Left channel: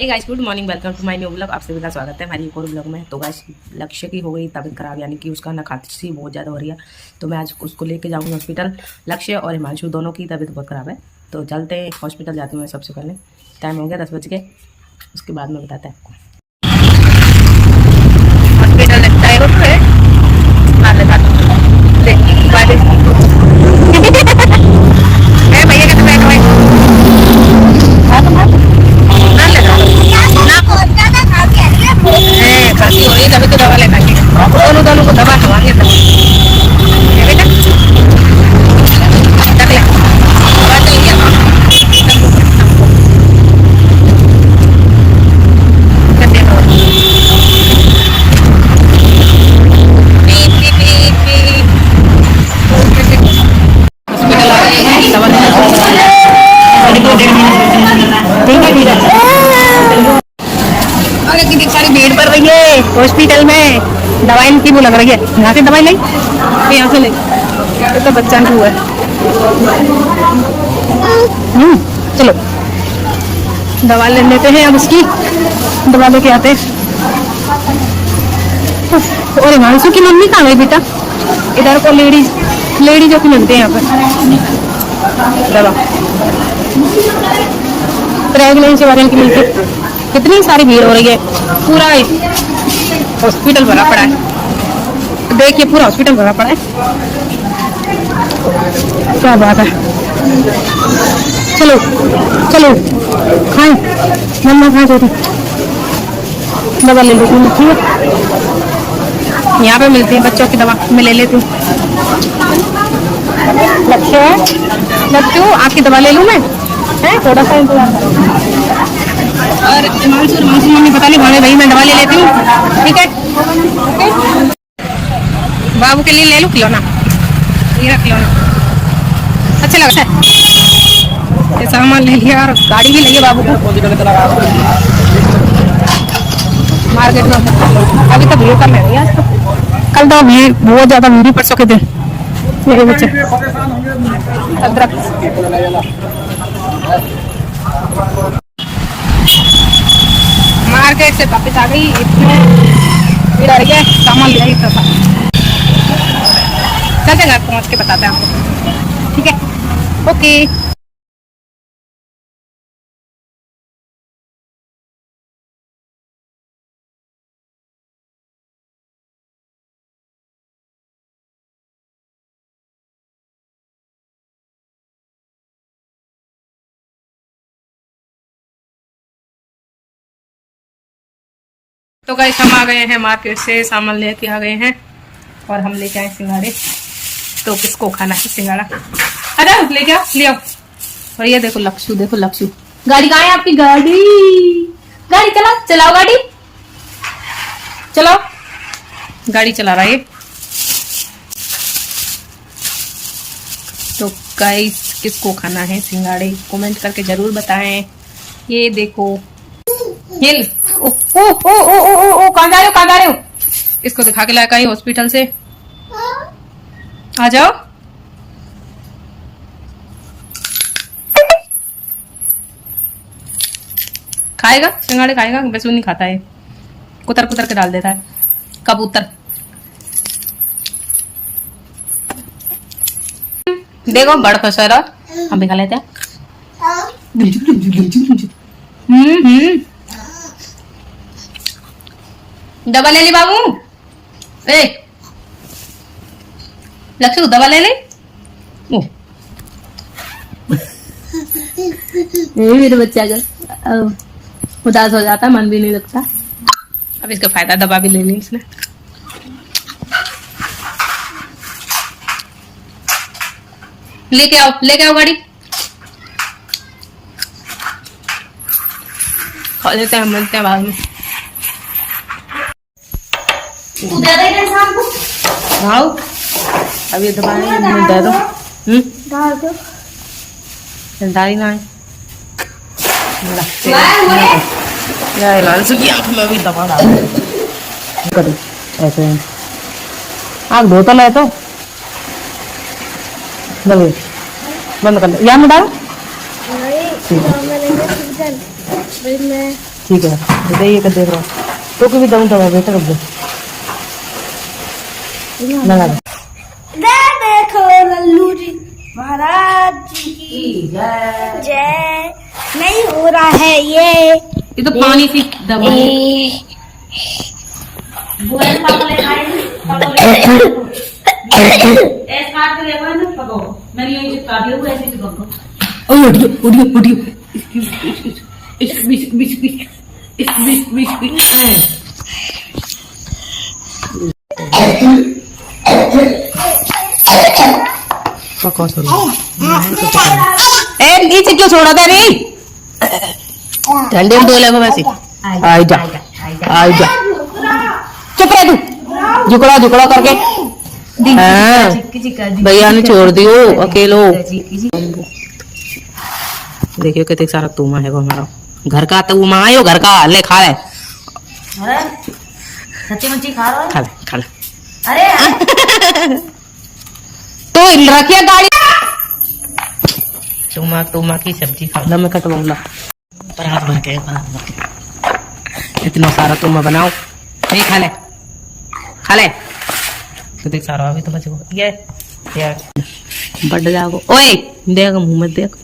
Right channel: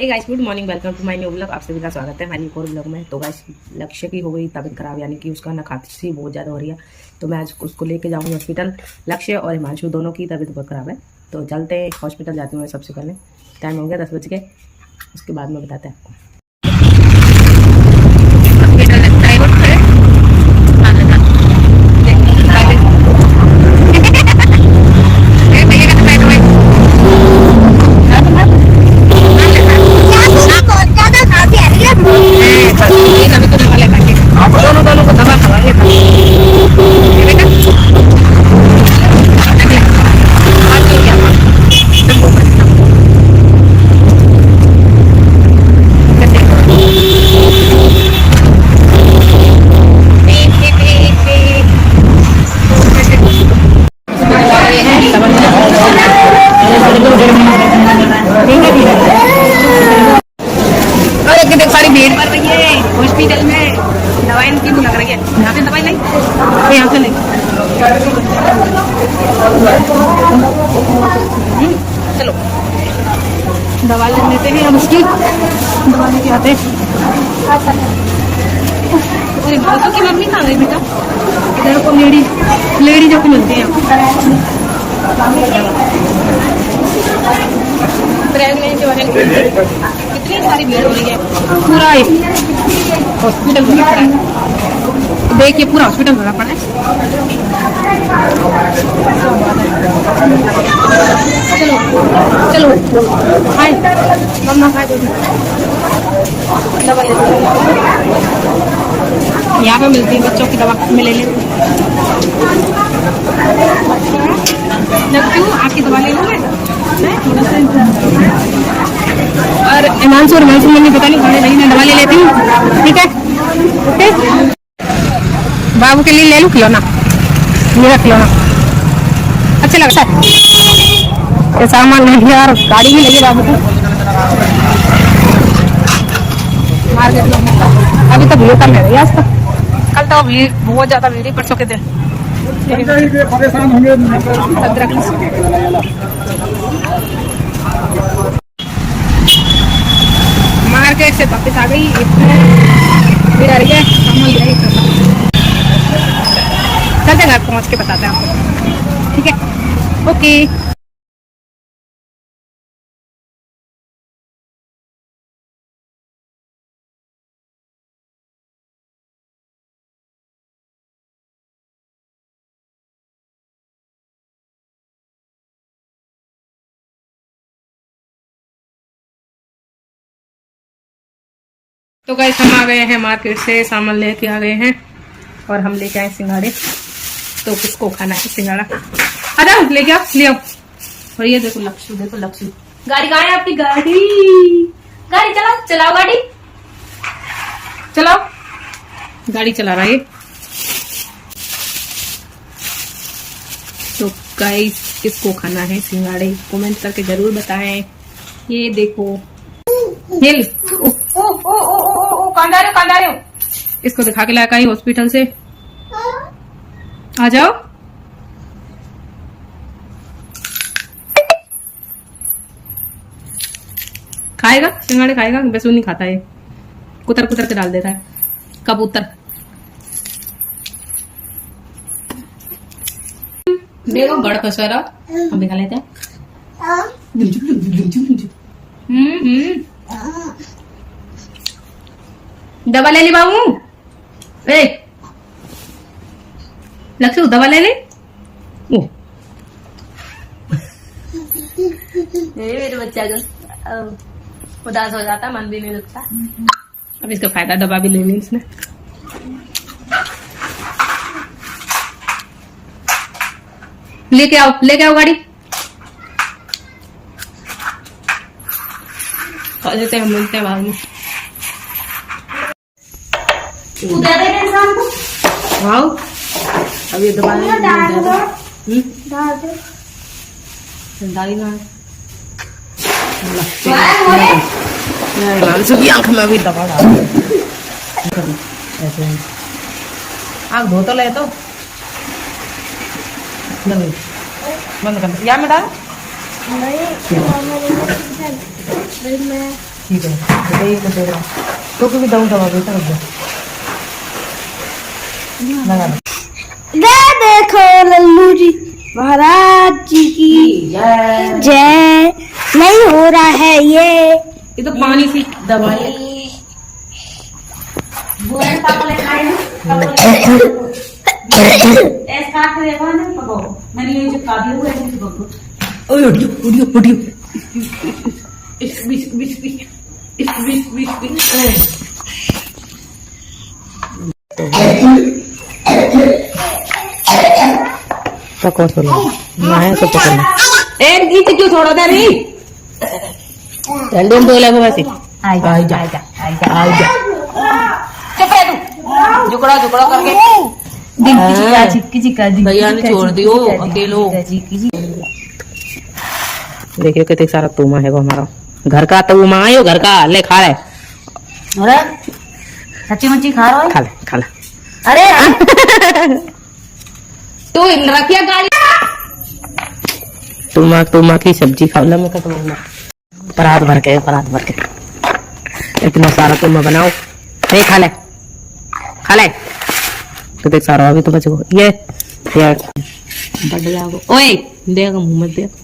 Hey guys, good morning, welcome to my new blog. आप सभी का स्वागत है हमारी एक और ब्लॉग में। तो गाइस, लक्ष्य की हो गई तबीयत खराब, यानी कि उसका ना खांसी बहुत ज़्यादा हो रही है। तो मैं आज उसको लेके जाऊँगी हॉस्पिटल। लक्ष्य और हिमांशु दोनों की तबीयत बहुत ख़राब है। तो चलते हॉस्पिटल जाती हूँ मैं सबसे पहले। टाइम हो गया 10 बज के, उसके बाद में बताते हैं आपको। हॉस्पिटल लगता है भैया का खांसी हो रही है, तभी तो दवा लगाएंगे। दोनों को दवा खवाएंगे तब बेटा। रख ले, दवा चल गया हॉस्पिटल आ गए हैं, दवा लेने और कितनी सारी भीड़ पड़ रही है हॉस्पिटल में। दवाई इनकी वो लग रही है, यहाँ से दवाई लाई, यहाँ से लाई तो बच्चा नहीं हुआ है। चलो दवा ले लेते हैं, अब उसकी दवा लेके आते हैं। और हिमांशु की मम्मी कहाँ है बेटा? इधर को लेडीजों की मिलते हैं यहाँ पर दवा, प्रेगनेंसी वाले की मिलती है। कितनी सारी भीड़ हो रही है, पूरा हॉस्पिटल भरा पड़ा है। देखिए पूरा हॉस्पिटल भरा पड़ा है। क्या बात है, चलो चलो मम्मा दवा ले लेती हूँ। यहाँ पे मिलती है बच्चों की दवा, मैं ले लेती हूँ। लक्ष्य आपकी दवा ले लूँ मैं, है थोड़ा सा इंतजार करो। और हिमांशु मम्मी पता नहीं भाई भाई मैं दवा ले लेती हूँ, ठीक है? ओके, बाबू के लिए ले लूँ खिलौना, ये खिलौना अच्छा लगता है। ये सामान ले लिया और गाड़ी भी लगी बाबू को। मार्केट में अभी तो भीड़ कम है आज, तो कल तो भीड़ बहुत ज्यादा भीड़, परसों के दिन यही बच्चे अदरक। मार्केट से वापस आ गई, इतने भीड़ आ रही है, सामान ले आई था। चलते घर पहुंच के बताते हैं आपको, ठीक है? ओके। तो गाइस, हम आ गए हैं मार्केट से, सामान लेके आ गए हैं और हम लेके आए सिंघाड़े। तो किसको खाना है सिंघाड़ा? अरे लेके आओ, ले आओ। और ये देखो लक्ष्य, देखो लक्ष्य, गाड़ी कहाँ है आपकी? गाड़ी चलाओ, चलाओ गाड़ी, चलाओ। गाड़ी चला रहा है ये। तो गाइस, किसको खाना है सिंघाड़े कमेंट करके जरूर बताएं। ये देखो हिल, ओ ओ ओ ओ ओ ओ कहाँ जा रहे हो? इसको दिखा के लाया हॉस्पिटल से, आ जाओ। खाएगा सिंघाड़े, खाएगा? वैसे नहीं खाता है, कुतर कुतर के डाल देता है, कबूतर। देखो बड़ फसरा, हम भी खा लेते हैं। दवा ले ली बाबू? ए लक्ष्य, दवा ले ले। मेरे बच्चा का उदास हो जाता, मन भी नहीं लगता। अब इसका फायदा, दवा भी ले ली इसने। लेके आओ गाड़ी, खा लेते हैं, मिलते हैं बाद में। आओ अब ये दवाई दे दो। दाई ना लगते की आंख में भी दवा डाल ऐसे आँख धोता ना है तो बंद कर दो। यहाँ में डाल, ठीक है ये कर देख रहा तो भी दो दवा बेटा कर दे ना दे देखो लल्लू जी महाराज जी की जय। नहीं हो रहा है ये तो पानी सी दवाई पकड़ तो लो ना है तो पकड़ लो ए नीचे क्यों छोड़ा था रे ठंडे में धोले को वैसे आ जा चुप रह तू झुकड़ा झुकड़ा करके भैया ने छोड़ दियो अकेलो देखियो कितने सारा तूमा है वो हमारा घर का तूमा आयो घर का ले खा ले सच्ची मच्छी खा रहा है खा ले अरे तो रखिया गाड़ी तूमा की सब्जी खा ला मैं कटवाऊला परात भर के इतना सारा तूमा बनाओ नहीं खा ले तो देख सारा अभी तो बचो ये बढ़ जाओ ओए देख मुंह में देख